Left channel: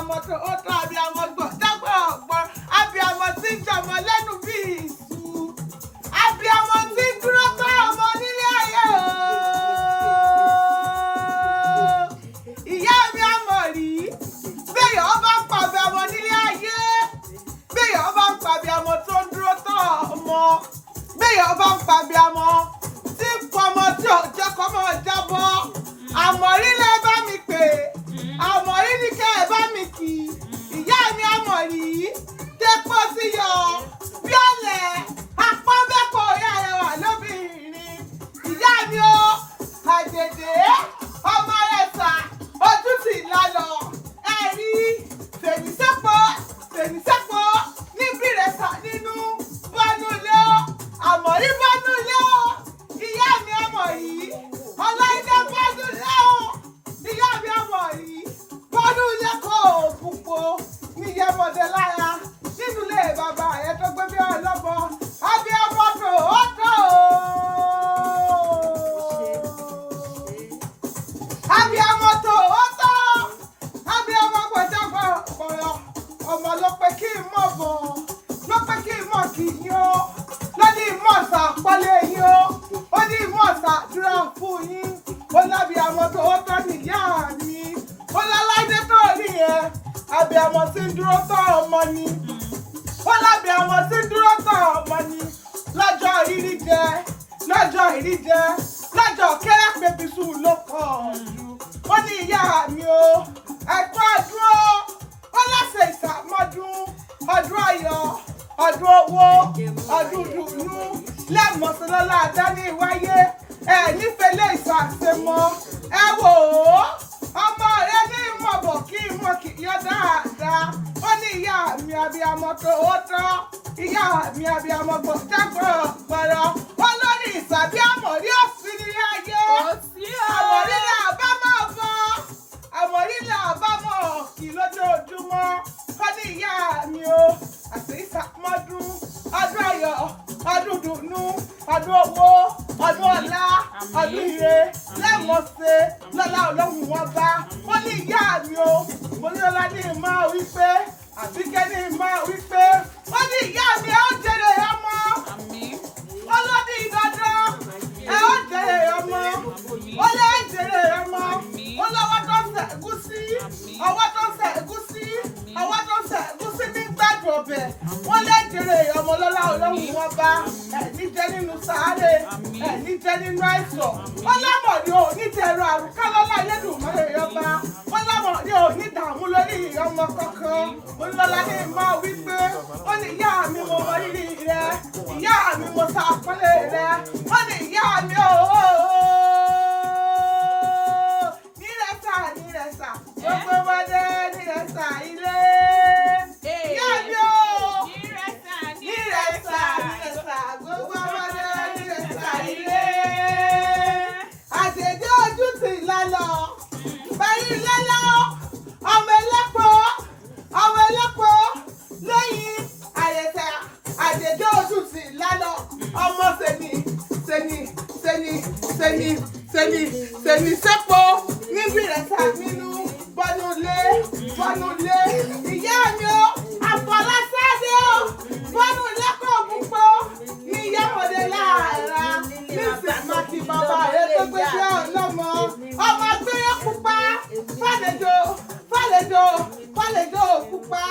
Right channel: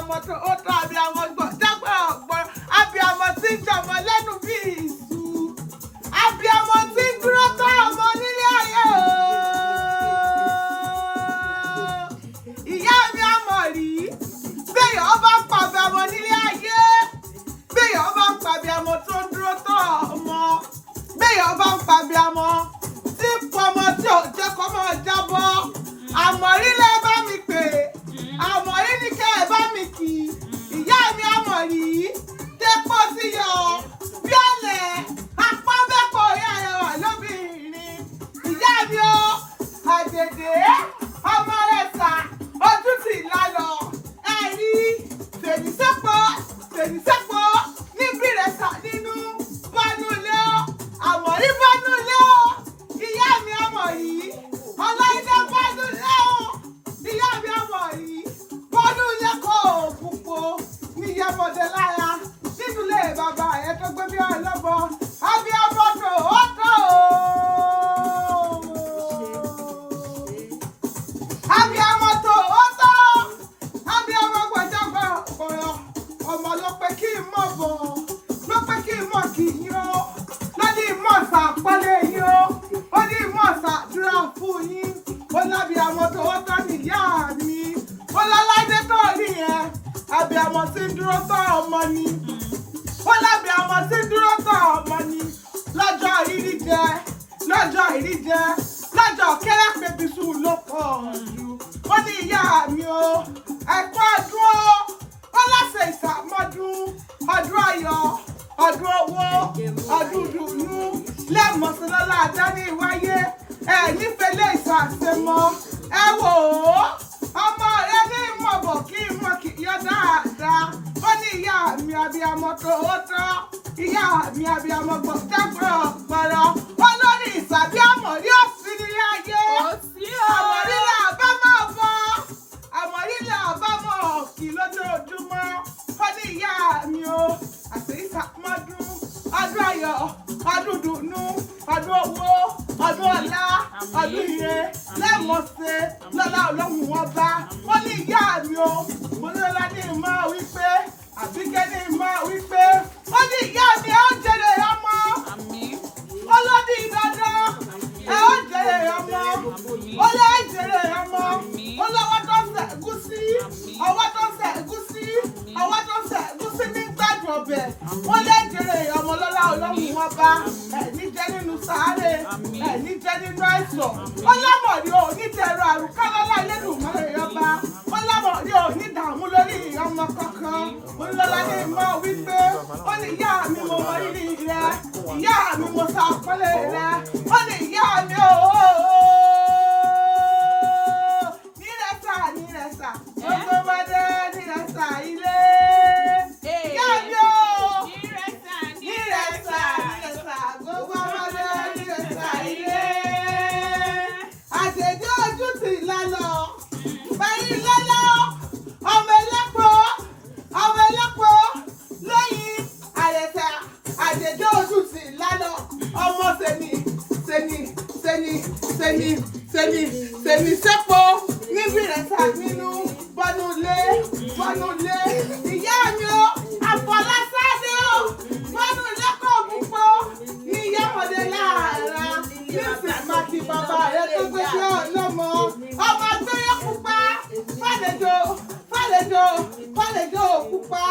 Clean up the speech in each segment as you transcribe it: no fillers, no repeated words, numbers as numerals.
abiyamọ tó ó tọ́ abiyamọ gbọ̀dágbọ̀ ọ̀gbọ́n abiyamọ tí ń jọmọ lẹ́nu bí ìṣù abiyamọ tí ń dúró tọ́ ọmọ nílé ayé o. Ìyá mi àmọ̀ rí bẹ́ẹ̀ ọba ń pa abiyamọ nílé ayé bẹ́ẹ̀ ọba ń pa abiyamọ tó ń dúró tọ́ ọmọ bẹ́ẹ̀ ọba ń pa abiyamọ tí ń pọmọ tí ò jẹ́ kọ́mọ jábọ́ àmọ̀rí lẹ́ bá mi pè àmọ̀rí ní kẹ́ ẹ bá mi kì ìyá mi àmọ̀rí tẹ́pọ̀ sí yọ bí ọ̀lẹ̀ apọ́nbẹ́pọ̀ ìyá rẹ̀ wà lóbìnrin ìyá mi ó àjèjì ọmọ rẹ̀ sà ojú sì lálọ́ ẹ̀rí fèrèsẹ́pọ̀ níbí rẹ̀ sà nínú bọ́nú ilé ó àmọ̀rí bọ́nú ilé ó ìyá mi àmọ̀rí ọláìdé bọ́nú ilé ó ìyá mi àmọ̀rí bọ́nú ilé kò púpọ̀ níyẹmọdé lára nínú ilé bàbá ẹ̀ tó gbé bí ọlọ́bọ abiyamọ tó ó tó abiyamọ tó ó tó abiyamọ gbọdọgbọ ọ̀rọ̀ ọmọ ló pé kí n mọ̀ bọ̀ ló pé kí n mọ̀ kì í yó lóní ìmọ̀ọ́sà pálẹ̀ yín ó ó ní ìmọ̀ọ́sà dúrà fún yín ó lábiyamọ tó ó tọ́ níyà mi ó láláìdé tó rí yẹn abiyamọ tí ń dúró tọ́ ọmọ ni ó lábiyamọ tí ń dúró tọ́ ọmọ ni lọ́jọ́ ìrí jẹ lọ́jọ́ kẹ́rẹ́ pẹ̀bísù ló pọ̀ jù ó ní ìyá mi o ẹ̀kọ́ ọdún ó láṣẹ ìsàmọ́dún ọdún ayọ̀ ọdún owó ọdún dùnú lẹ́mọ̀sánlọ́lá àdáni wáyé ẹ̀ nífẹ̀ẹ́ lè ṣàṣemọ́ ẹ wò ó ọmọ rẹ ní ìmọ̀bọ̀ kí ìmọ̀ kì í yọ dáadáa ó ní ìyá mi abiyamọ tó ó tọ́ ìyá mi abiyamọ gbọ̀dágbọ̀ gbọ̀rọ̀ ó lórí ìsàbí àmọ̀rí òfin nílé ayé àmọ̀rí là bá máa bọ̀ àmọ̀rí là bá mọ̀ kí lójoojúmọ́ ó ní ìyá mi o àti ìsàmọ́dún ọdún ayọ̀ ọdún dùnú ọdún owó ọdún ọlá ọdún ire lẹ́mọ̀ọ́sẹ̀ lọ́lá ọlọ́run wọn bá ó ní ìyá mi o mo ní ọlá ní ìmọ̀ wípé àbíkẹ́ ní ìmọ̀ wípé ó ní ìyá mi ẹ ó jèrè ọmọ ọlọ́dún ìdájọ́ ẹ ó jèrè ọmọ ó lé jèrè ọmọ ó lọ́wọ́ tó ń sẹ̀ ẹ̀gúsí ọwọ́ tó ń sẹ̀ ẹ̀gúsí ọwọ́ tó ń sẹ̀ ẹ̀gúsí ní gbàdùn ọbẹ̀ wọ́n lé jèrè ọmọ lọ́lá ọlọ́run wọn bá ẹ̀ní jẹ́ nínú sàárè ẹ̀ní jẹ́ nínú àìsàn ọlámọ̀rí ò ní tẹ̀rọ àrùká lọ́lá Elédùmarè ọba ọlámọ̀rí ò ní dààmú lórí ọmọ kankan olùlọ́lá ní ìmọ̀ wípé ó ní ìyá mi mo mọ rírì rẹ ìyá mi mo ṣàpọ́nlé rẹ ó ní ìyá mi ó nírẹ̀sà gbogbo ọmọdé nírẹ̀sà ilé ìyá mi ó nírẹ̀sà gbogbo ọmọdé nírẹ̀sà ilé àjèjì ojú ti lálọ́ báyìí lálọ́ ọmọ ẹlẹ́pọ̀ lẹ́yìn àyẹ̀tà àjèjì ojú ti lálọ́ ọmọ sẹ́ni sẹ́pọ̀ níbi rẹ̀ sá nínú bọ́nulé ìyá mi ó àfọlásádé ó bọ́nulé kò púpọ̀ ní ìyámọ̀dé láàárá nísìnyí mákì bàbá rẹ̀ tó gbé sí ọlọ́mọ ọmọ gbéyé pupa fàlejò pupa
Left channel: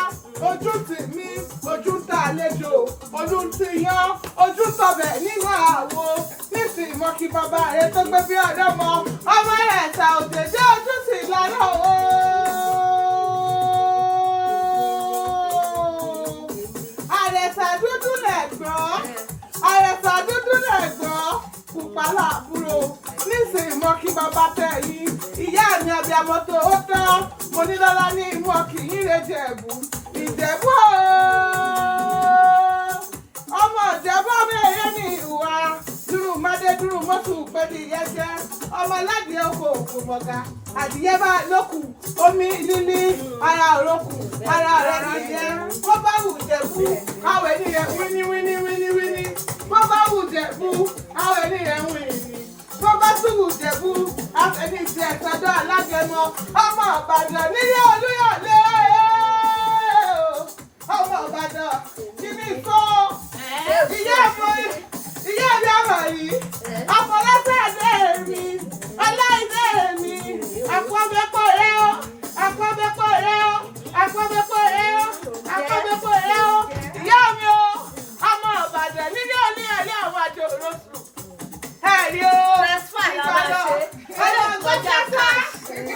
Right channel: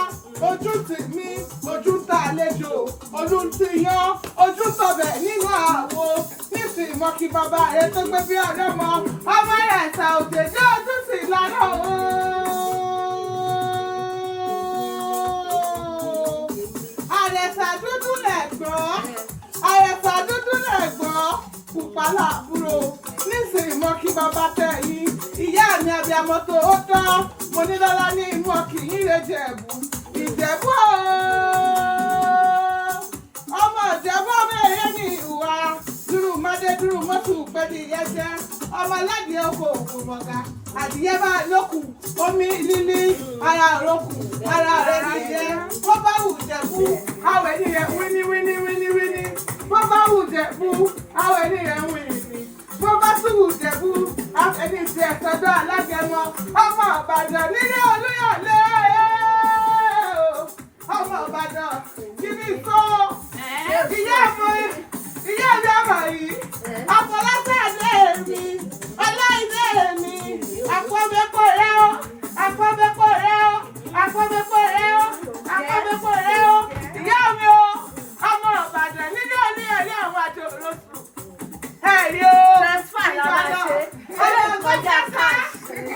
ojú tì mí ojú tà àlejò ojú tì yán ojú tọbẹ̀ nínú àwo nísìnyí mọ́kì bàbá rẹ̀ tó gbé sí ọlọ́mọ ọmọ rẹ̀ ta òjèjì ojú tì lọ́rọ̀ o. Àrẹ̀sà dúdú lẹ̀gbọ́n pupa làbúrò nísìnyí mọ́kì bàbá tẹ̀ yìí ìyá mi abiyamọ tó ó tán mo ní lọ́lá ní ìmọ̀ kì í rè Ìjẹ̀bú ọmọ Ìjẹ̀bú ọmọ èyí ní ìhùwà dúró mọ́dé dúró mọ́tò pẹ̀lú ìyẹ́jẹ́ ọmọ aládìẹ oko òkú mọ̀gá adìyẹ bá lókù omi lílí ara òrókù ara rẹ̀ nìyẹn bó bá wù Ìjẹ̀bú àwọn ènìyàn wíní bó bá wù Ìjẹ̀bú àwọn ènìyàn wíní bó bá tún wù Ìjẹ̀bú àwọn ènìyàn tiẹ̀ sọ́dọ̀ alágẹmọ ọmọ Ìbàdàn nílé Olúyọ̀lé ọmọ Ìbàdàn kíní kó ìyá mi ọmọ yìí àfọlọ́sẹ̀ mi ọláìdé mi àpọ̀bẹ́pọ̀ rẹ o àpọ̀bẹ́pọ̀ rẹ o àpọ̀bẹ́pọ̀ rẹ o àpọ̀bẹ́pọ̀ rẹ o ìyá mi o ọmọ Ìbàdàn nílé Olúyọ̀lé àwọn àjò òrosùn ẹ̀rí o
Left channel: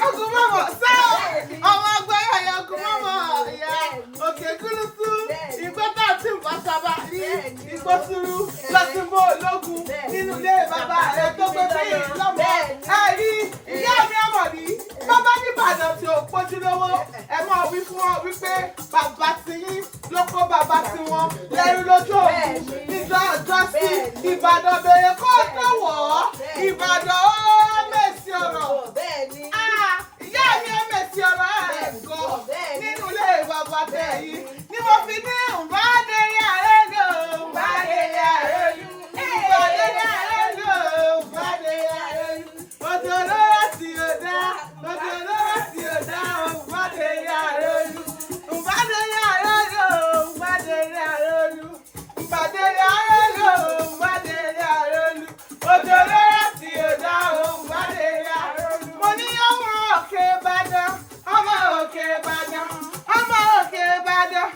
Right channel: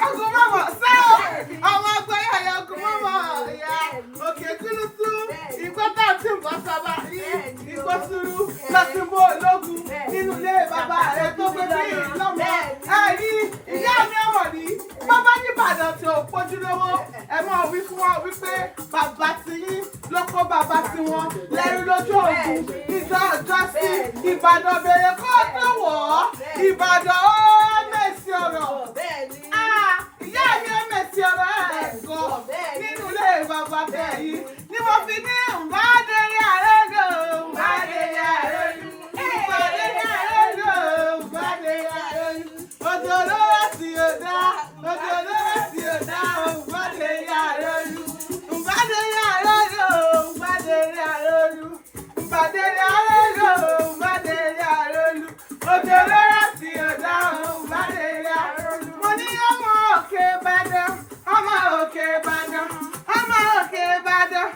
ogun mọ́mọ́ sáà ọmọ ọgbẹ́ ẹ̀yà ogun mọ́mọ́ ìyá òkè kúrúsú ìgbọ́tà tí ń bọ́ sábà ní ìgbọ́sùrú lọ́sùnmọ́ ológun nínú ilé bàbá rẹ̀ tó gbé bí lọ́mọ ẹ̀rí ìyá mi ọmọ ní bàbá nìbàdàn tí ò pójú lówó ẹ máa wí fún wọn wípé bàbá ti yín ló kó bàbá tí wọn lẹ́rú lójú òògùn níjọ́ ọjọ́ sí Ìbàdàn bèrè kó tó wọ̀ ọ́ Ìbàdàn ó mèsì ọ̀rọ̀ ìyá mi ó mèsì ọ̀rọ̀ ẹ̀gọ́ nínú ilé bàbá tẹ̀ yìí ni mo fi ní ìbádẹ́rẹ́ àrẹ́lò ìbádẹ́rẹ́ àrẹ́lò ìbádẹ́rẹ́ àrẹ́lò ìbádẹ́rẹ́ àrẹ́lò òjò lówó sí ọ̀dá òjò lówó sí ọ̀dá ìbádẹ́rẹ́ àrẹ́lò ìbádẹ́rẹ́ àrẹ́lò ìbádẹ́rẹ́ àrẹ́lò ìbádẹ́rẹ́ àrẹ́lò ìbádẹ́rẹ́ àrẹ́lò òjò lówó sí ọ̀dá ìbádẹ́rẹ́ àrẹ́lò mo ní ọmọ òkè Ìbàdàn ọmọ òkè Ìbàdàn ọmọ òkè Ìbàdàn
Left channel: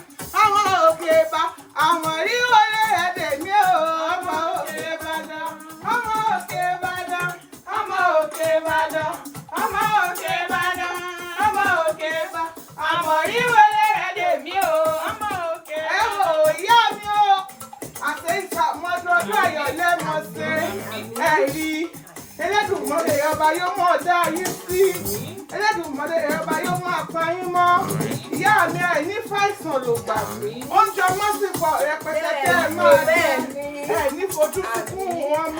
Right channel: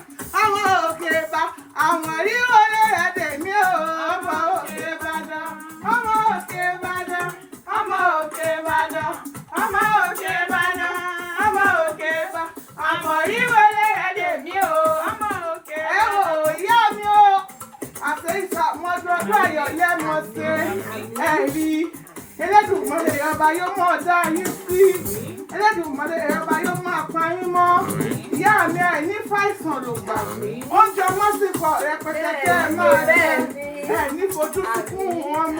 ọmọ òkè Ìbàdàn àwọn ríro lẹ́rẹ̀ tèmi o ọmọ òkè Ìbàdàn ọmọ òkè Ìbàdàn ọmọ òkè Ìbàdàn ọmọ òkè Ìbàdàn ọmọ òkè Ìbàdàn àwọn ríro lẹ́rẹ̀ tèmi o ọmọ òkè Ìbàdàn. ẹ wò ìyá mi o àti ìṣàmọ́dún ọdún ayọ̀ lẹ́nu ṣe ẹ̀rí Elédùmarè ọba yóò mọ̀ dá yín sí Elédùmarè ọba yóò mọ̀ pa yín mọ́ ìyá mi ẹ̀ ní fàìsàn ló gbà oúnjẹ wọn sì pọ̀ rẹpẹtẹ tẹ́ ẹ máa jẹ ẹ ní fojú sunkún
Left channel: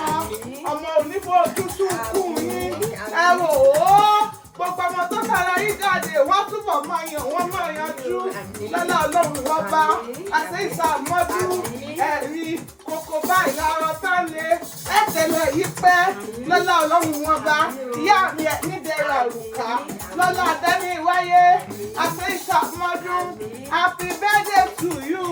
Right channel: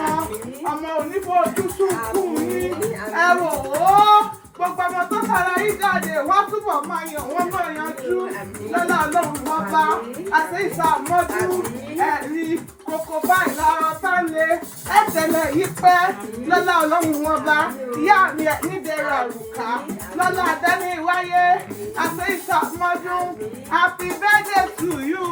ọmọ onífojú sunkún yín ẹ wò ó gbogbo ọmọ tó fara yí jáde wọ́n túbọ̀ máa yàn wọ́n náà yanjú lọ́lá Ọlọ́run wọn bá àti ìṣàmọ́dú ẹ̀rí kòkó báyìí lára tán lé ẹ̀tẹ̀lẹ̀ yìí pẹ́ lọ́lá Ọlọ́run wọn bá ìyá mi ẹ̀ nídẹ̀ẹ́rẹ̀ òrùka lọ́lá àdáni wáyé àti ìṣàmọ́dú happy birthday to you.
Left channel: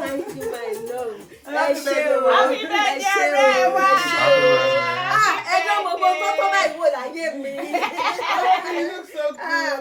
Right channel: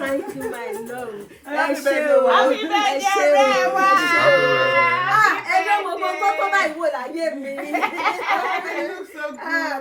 Thank you, my love. Happy birthday rẹ wá. Ẹjọ́ gbogbo tó báyìí wò láyé mi. You look so good.